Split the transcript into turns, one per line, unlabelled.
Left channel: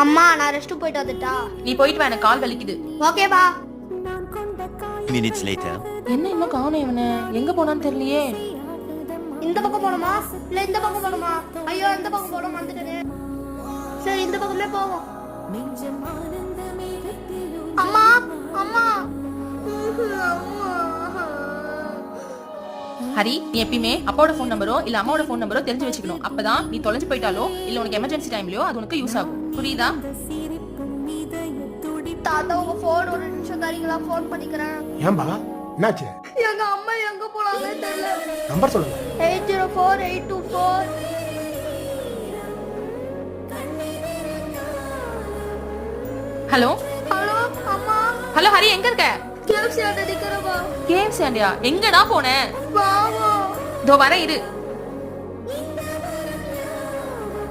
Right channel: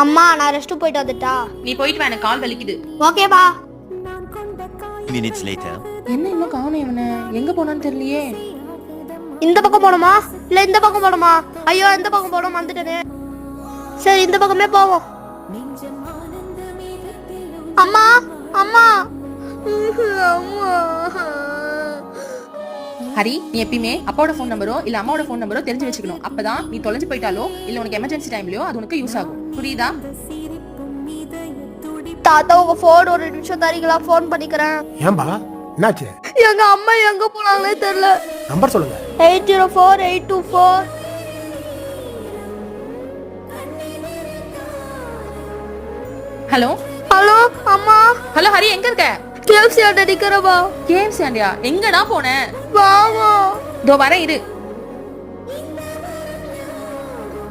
அம்மா நான் ரெஸ்ட் போயிட்டு வந்துட்டா
நீ போயிட்டு வா கால் வலிக்குது
ஓகே வா
மினிட்ஸ் லேட்டர்
என்ன இன்னும் காணோம் இவனை எங்க போனான்னு தெரியலையே
இந்த பக்கம் போனோமா இல்ல இந்த பக்கம் போனோமா ஐயோ இந்த பக்கம் போனோம் வந்துட்டேனே சரி இந்த பக்கமே போவோம் அம்மா அம்மா அம்மா
ஹரி நீ எப்பயுமே அப்பாவோட ஃபோன் நம்பரோ இல்ல அம்மாவோட ஃபோன் நம்பரோ தெரிஞ்சு வச்சுக்கணும் அப்பதான் நீ தொலைஞ்சு போயிட்டாலோ இல்ல உனக்கு எமர்ஜென்சி டைம்லயோ அது உனக்கு யூஸ் ஆகும் புரியுதா
தாத்தா உங்க ஃபோன் ஒரு நிமிஷம் தரீங்களா ஃபோன் பண்ணிக்கிறேன் எங்க அம்மா எங்க போனாங்களே தெரியல நம்பர் சொல்லுங்க 804824 ஹலோ ஹலோ அம்மா
ஹலோ ஹரி எங்க இருக்க
கேம்ஸ் ஆண்டி அடிக்கிறவா
ஆண்டியா எங்கடா போனேன் வா இதோ வர இரு